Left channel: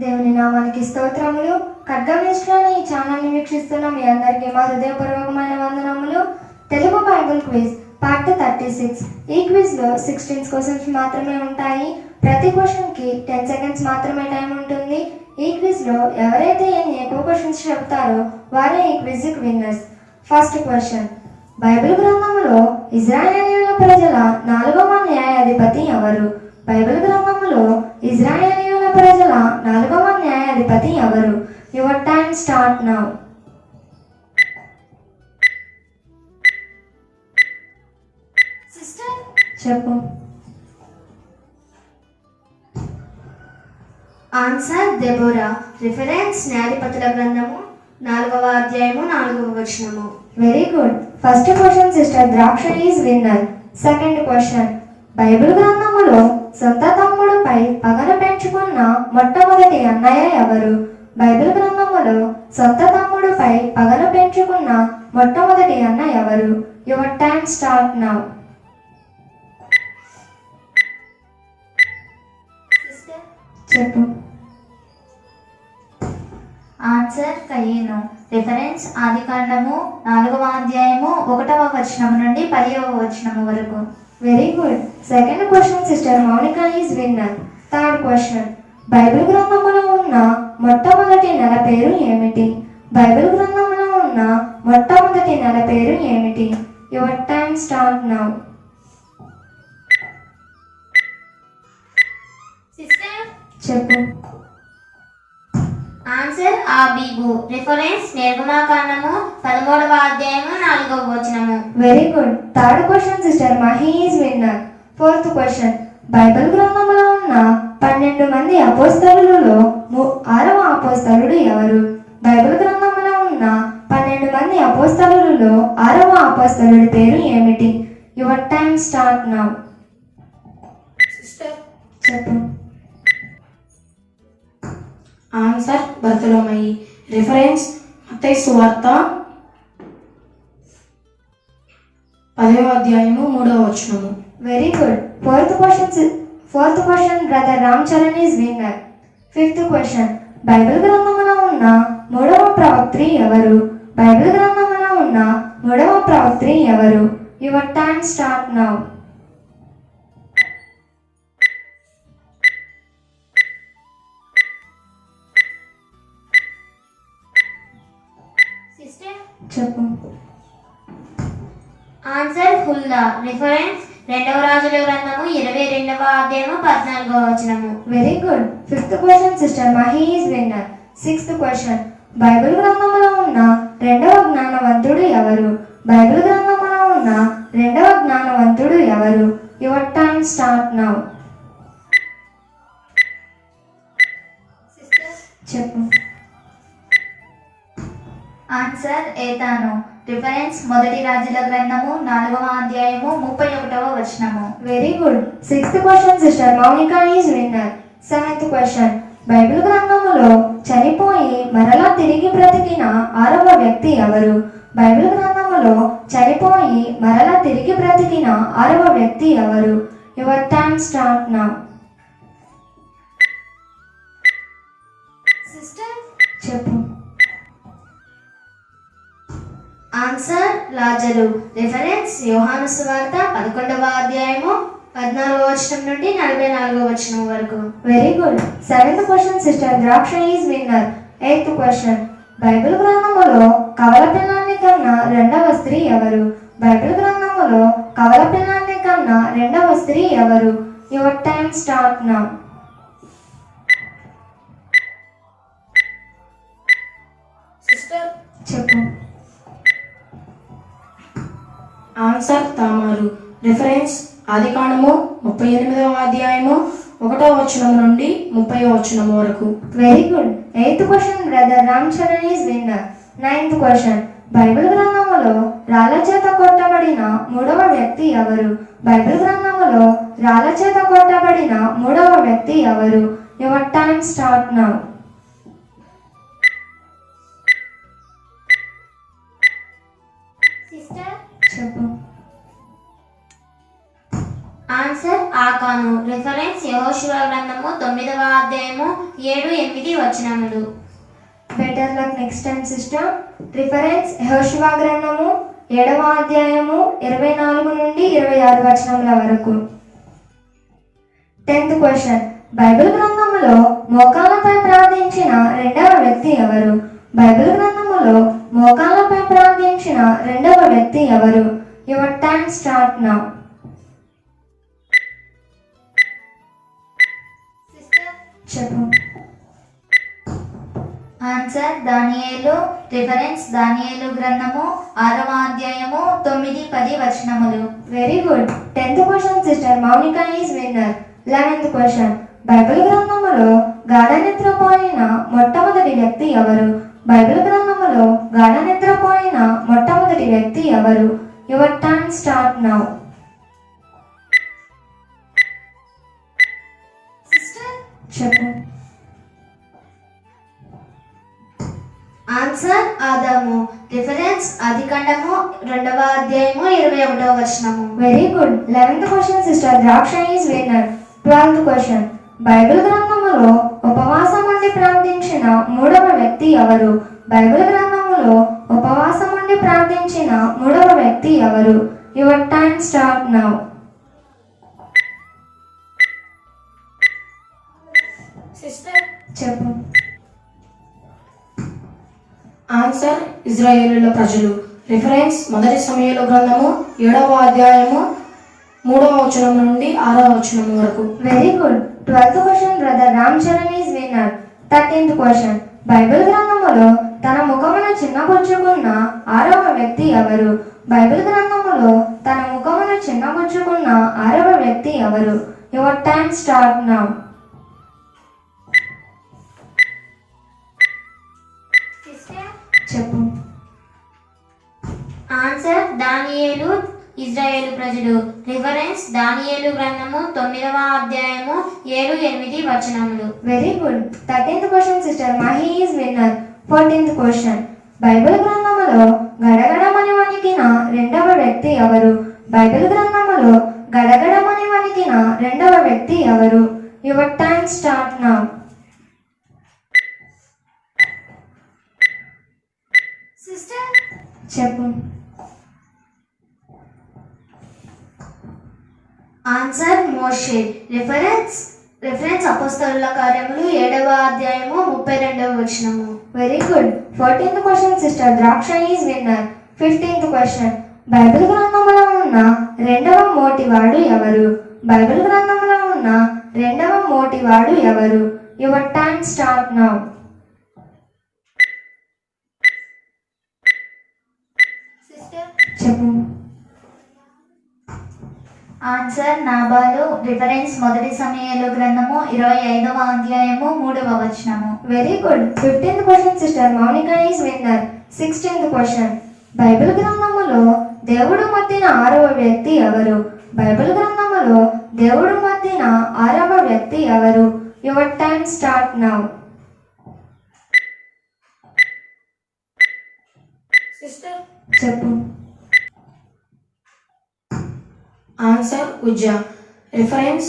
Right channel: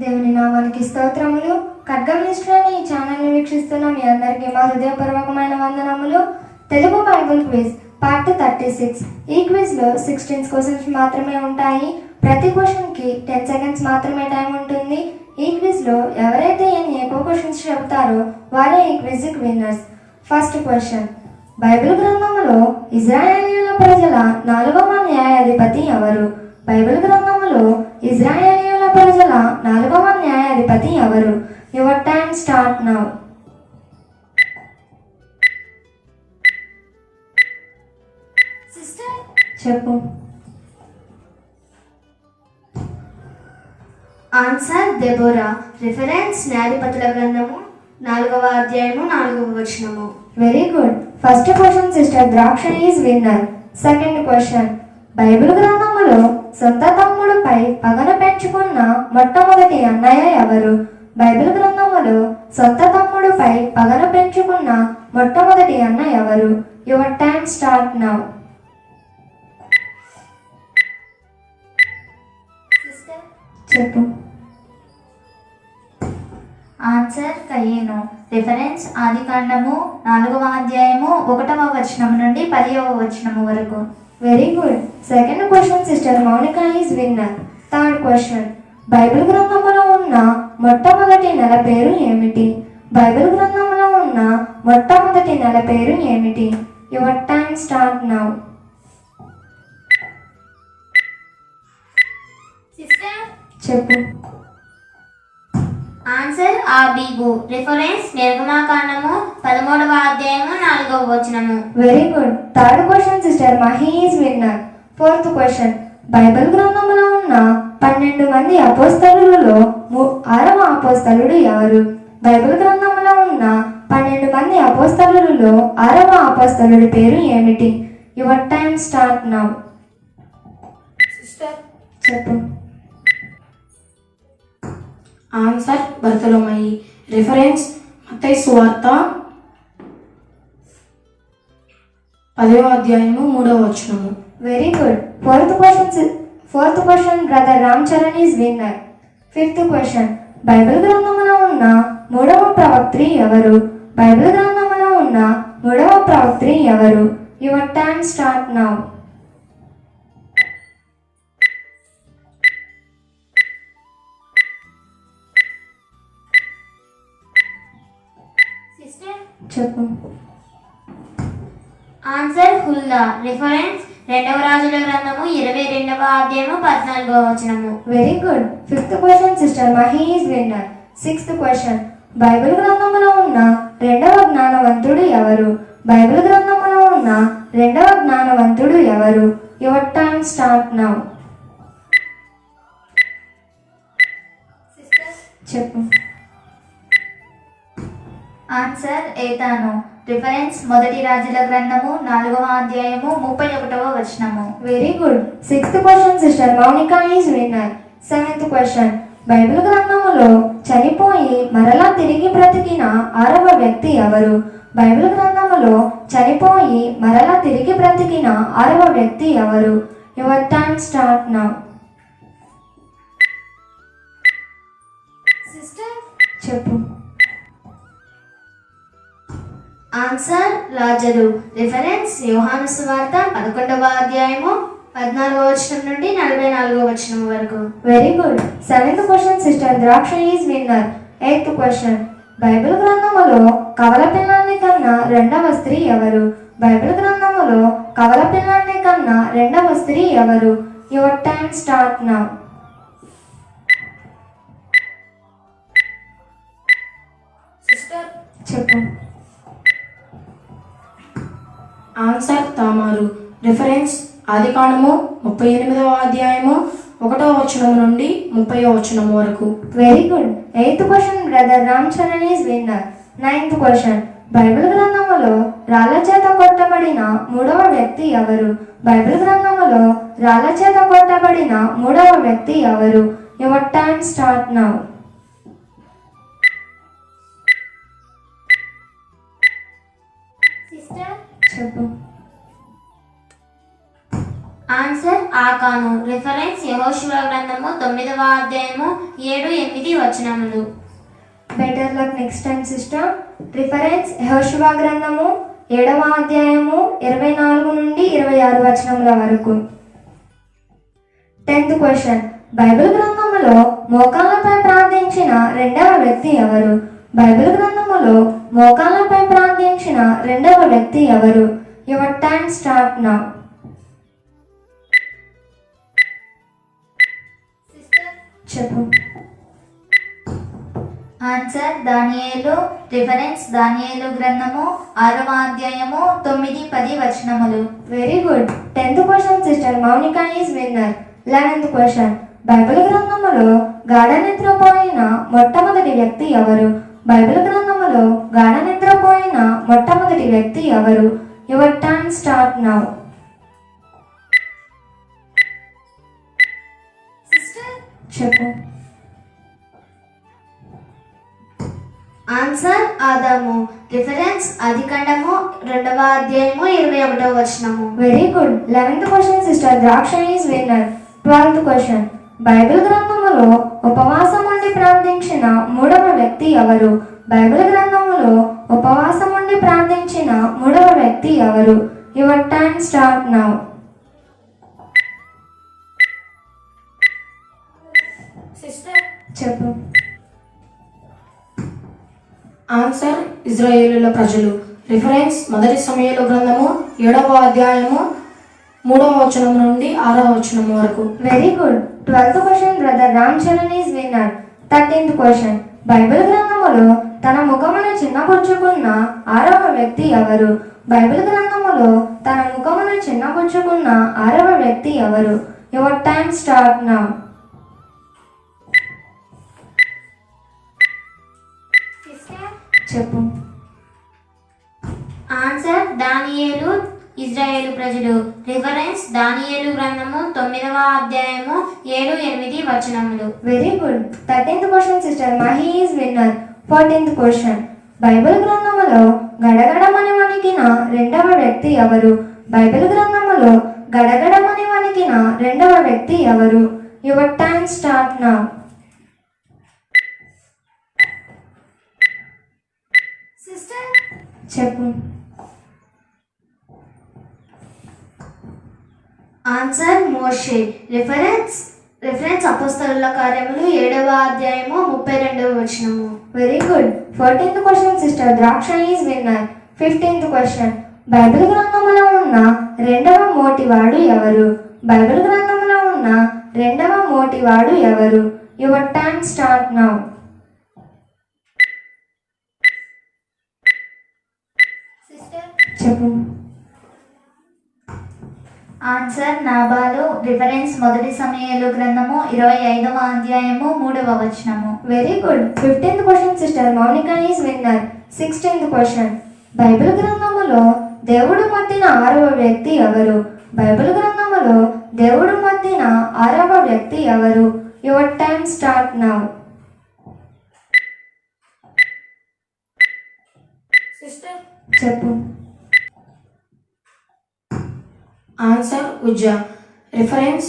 దేవుని నామానికి స్తోత్రములు. ఖడ్గమిశ్రాన్ని ఈ ఛానల్ని వీక్షిస్తున్న మీ అందరికీ మా హృదయపూర్వకమైన వందనములు. Telugu Bible quiz part thirty six. ఈ క్విజ్లో సిక్స్టీన్ క్వశ్చన్స్ మాత్రమే ఉంటాయి. ప్రతి క్వశ్చన్కి టెన్ సెకండ్స్ మాత్రమే టైం ఉంటుంది. ఈ క్విజ్లో ఎవరైతే ఎన్ని ఎక్కువ క్వశ్చన్స్ చెప్తారో వారే ఈ క్విజ్కి విన్నర్స్. First question. బైబిల్ గ్రంథంలో ఇజ్రాయేలీల ప్రజల నాలుగవ న్యాయాధిపతి ఎవరు? బైబిల్ గ్రంథంలో ఇజ్రాయేలీ ప్రజల నాలుగవ న్యాయాధిపతి ఎవరు? Your time start now sister చెప్పు. ఆన్సర్ దెబోరా రిఫరెన్స్ న్యాయపతుల గ్రంథము నాలుగవ అధ్యాయము నాలుగవ వచనము. Very good first question sister Draksha is winner second question Bible గ్రంథములో సొంత తమ్ముడుపై పగను పెంచుకున్న మొట్టమొదటి అన్నయ్య ఎవరు? బైబిల్ గ్రంథములో సొంత తమ్ముడుపై పగను పెంచుకున్న మొట్టమొదటి అన్న ఎవరు? యువర్ టైం స్టార్ట్ నౌ చెప్పు. ఆన్సర్ కయ్యేను రిఫరెన్స్ ఆది కాండము నాలుగవ అధ్యాయము ఒకటవ వచనం నుండి పదివ వచనము వరకు. Very good second question sister Mounika is winner third question Bible గ్రంథములో ఉన్న మొట్టమొదటి నెల పేరు ఏమిటి? బైబిల్ గ్రంథంలో ఉన్న మొట్టమొదటి నెల పేరు ఏమిటి? యువర్ టైం స్టార్ట్ నౌ చెప్పు. ఆన్సర్ ఆబీబు రిఫరెన్స్ నిర్గమాకాండము పదమూడవ అధ్యాయము నాలుగవ వచనము. Very good third question sister Mahi is winner fourth question. Bible గ్రంథంలో ఉన్న పన్నెండు మంది అపోస్తలులలో ఆరవ అపోస్తలుడు ఎవరు? బైబిల్ గ్రంథంలో ఉన్న పన్నెండు మంది అపోస్తలులలో ఆరవ అపోస్తలుడి పేరు ఏమిటి? Your time start now. Sister. చెప్పు. ఆన్సర్ బర్తలోమయి రిఫరెన్స్ మత్తయి సువార్త పదవ అధ్యాయము మూడవ వచనము. Very good fourth question fourth question brother Ram Charan is winner fifth question Bible గ్రంథంలో ఉన్న మూడవ ప్రవక్త్రి ఎవరు? బైబిల్ గ్రంథంలో ఉన్న మూడవ ప్రవక్త్రి ఎవరు? యువర్ టైం స్టార్ట్ నౌ చెప్పు. ఆన్సర్ హుల్లా రిఫరెన్స్ రెండవ రాజుల గ్రంథము ఇరవై రెండవ అధ్యాయము పద్నాలుగవ వచనము. Very good fifth question sister Mahi is winner sixth question Bible గ్రంథంలో ఉన్న రెండవ జ్ఞానవంతుడు ఎవరు? బైబిల్ గ్రంథంలో ఉన్న రెండవ జ్ఞానవంతుడు ఎవరు? యువర్ టైం స్టార్ట్ నౌ చెప్పు. ఆన్సర్ ఏతాను. రిఫరెన్స్ మొదటి రాజుల గ్రంథము నాలుగవ అధ్యాయము ముప్పై ఒకటవ వచనము. Very good sixth question sister Mounika is winner seventh question Bible గ్రంథములో చనిపోయి మరలా తిరిగి బ్రతికిన ఆరవ వ్యక్తి ఎవరు? బైబిల్ గ్రంథములో చనిపోయి మరలా తిరిగి బ్రతికిన ఆరవ వ్యక్తి ఎవరు? Your time start now sister చెప్పు. ఆన్సర్ లాజరు. రిఫరెన్స్ యోహాను సువార్త పదకొండవ అధ్యాయము పద్నాలుగవ వచనం నుండి నలభై నాలుగవ వచనం వరకు. Very good seventh question sister Draksha is winner eighth question Bible గ్రంథములో కవల పిల్లాన్ని కన్నా రెండవ స్త్రీ ఎవరు? బైబిల్ గ్రంథములో కవల పిల్లాన్ని కన్నా రెండవ స్త్రీ ఎవరు? Your time start now sister చెప్పు. ఆన్సర్ తామారు. రిఫరెన్స్ ఆదికాండము ముప్పై ఎనిమిదవ అధ్యాయము ఒకటో వచనం నుండి ముప్పై వచనం వరకు. Very good eighth question brother Ram Charan is winner ninth question Bible గ్రంథంలో రాళ్ళ చేత కొట్టబడిన మూడవ వ్యక్తి ఎవరు? బైబిల్ గ్రంథంలో రాళ్ళ చేత కొట్టబడిన మూడవ వ్యక్తి ఎవరు? యువర్ టైమ్ స్టార్ట్ నౌ చెప్పు. ఆన్సర్ ఆకాను. రిఫరెన్స్ యహోశివ గ్రంథము తొమ్మిదవ అధ్యాయము ఏడు ఎనిమిది వచనములు. Better luck next time sister reference యహోశివ గ్రంథము ఏడవ అధ్యాయము ఇరవై నాలుగు నుండి ఇరవై ఆరు వచనముల వరకు. టెన్త్ క్వశ్చన్ బైబిల్ గ్రంథములో మోకాలపై ప్రార్థించిన రెండవ వ్యక్తి ఎవరు? బైబిల్ గ్రంథములో మోకాలపై ప్రార్థించిన రెండవ వ్యక్తి ఎవరు? యువర్ టైం స్టార్ట్ నౌ చెప్పు. ఆన్సర్ దానియేలు రిఫరెన్స్ దానియేలు గ్రంథము ఆరవ అధ్యాయము తొమ్మిది పది వచనములు. Very good tenth question sister Mounika is winner eleventh question Bible గ్రంథములో గాఢ నిద్రపోయిన మొట్టమొదటి వ్యక్తి ఎవరు? బైబిల్ గ్రంథములో గాఢ నిద్రపోయిన మొట్టమొదటి వ్యక్తి ఎవరు? యువర్ టైమ్ స్టార్ట్ నౌ చెప్పు. ఆన్సర్ ఆదాము రిఫరెన్స్ ఆదికాండము రెండవ అధ్యాయము ఇరవై ఒకటవ వచనము. Very good eleventh question sister Draksha is winner twelfth question Bible గ్రంథములో వ్యక్తి ఎవరు? బైబిల్ గ్రంథములో ఉపవాసం ఉండి ప్రార్థించిన మూడవ వ్యక్తి ఎవరు? Your time start now. చెప్పు. ఆన్సర్ ఇజ్రాయేలుల ప్రజలు. రిఫరెన్స్ మొదటి సమయాల గ్రంథము ఏడవ అధ్యాయము మూడవ వచనం నుండి ఆరవ వచనం వరకు. Very good twelfth question brother Ram Charan is winner thirteenth question Bible గ్రంథములో తన ముఖమును చిన్నబుచ్చుకున్న ఆరవ వ్యక్తి ఎవరు? బైబిల్ గ్రంథములో తన ముఖమును చిన్నబుచ్చుకున్న ఆరవ వ్యక్తి ఎవరు? యువర్ టైం స్టార్ట్ నౌ చెప్పు. ఆన్సర్ దానియేలు ఇజ్రాయేలు ప్రజలు. రిఫరెన్స్ దానియేలు గ్రంథము తొమ్మిదవ అధ్యాయము ఏడు ఎనిమిది వచనములు. Very good thirteenth question sister Mahi is winner fourteenth question Bible గ్రంథములో గడగడమని వణికిన రెండవ వ్యక్తి ఎవరు? బైబిల్ గ్రంథములో గడగడమని వణికిన రెండవ వ్యక్తి ఎవరు? Your time start now sister చెప్పు. ఆన్సర్ మోషే రిఫరెన్స్ రిఫరెన్స్ అపోస్తలుల కార్యములు ఏడవ అధ్యాయము ముప్పై రెండవ వచనము. Very good fourteenth question sister Draksha is winner fifteenth question Bible గ్రంథములో ఉన్న రెండవ మోటివాడు ఎవరు? బైబిల్ గ్రంథములో ఉన్న రెండవ మోటివాడు ఎవరు? యువర్ టైం స్టార్ట్ నౌ చెప్పు. ఆన్సర్ నాబాలు రిఫరెన్స్ మొదటి సమయాలు గ్రంథము ఇరవై ఐదవ అధ్యాయము మూడవ వచనము. Very good fifteenth question sister Mounika is winner sixteenth question Bible గ్రంథములో దేవుడు మధ్యన ఆరవ వ్యక్తి ఎవరు? బైబిల్ గ్రంథములో దేవుడు మధ్యన ఆరవ వ్యక్తి ఎవరు? యువర్ టైం స్టార్ట్ నౌ చెప్పు. Answer Uzzah. రిఫరెన్స్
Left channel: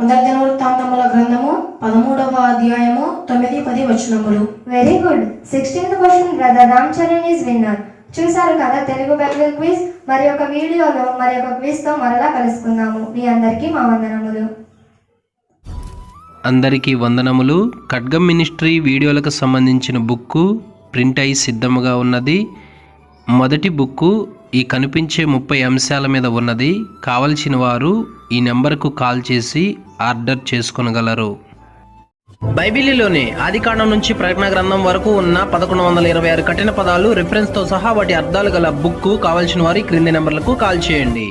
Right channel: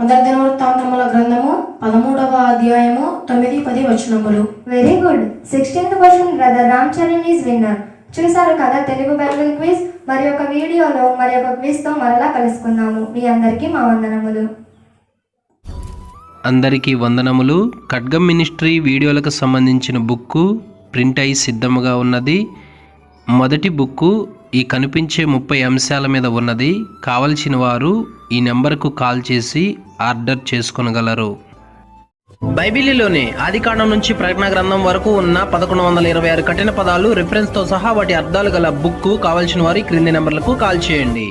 మొదటి దినవృత్తాంతముల గ్రంథము పదమూడవ అధ్యాయము తొమ్మిది పది వచనములు. Very good sixteenth question brother Ram Charan is winner చూసారు కదా తెలుగు బైబిల్ క్విజ్? మరి ఒక వీడియోలో మరి ఒక క్విజ్తో మరలా కలుసుకుందాము. మీ అందరికీ మా వందనములు. అందరికీ వందనములు. ఖడ్గం మినిస్ట్రీ వీడియోలకు సంబంధించిన బుక్కు ప్రింట్ అయి సిద్ధముగా ఉన్నది. మొదటి బుక్కు ఈ కనిపించే ముప్పై అంశాల మీద ఉన్నది కావలసిన వారు ఈ నెంబర్కు కాల్ చేసి ఆర్డర్ చేసుకొనగలరు. బైబిలీలోని ఆదికాండం నుంచి ప్రకటన గ్రంథం వరకు ఉన్న పదకొండు వందల ఇరవై ఆరు కఠిన పదాలు రిఫరెన్స్తో సహా వాటి అర్థాలు గల బుక్కు కావలసిన వారి క్రింది నెంబర్లకు కాల్ చేయండి.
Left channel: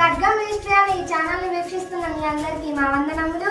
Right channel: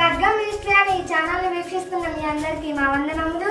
ఖడ్గం మినిస్ట్రీ అనే ఈ ఛానల్ వీక్షిస్తున్న మీ అందరికీ మా వందనములు.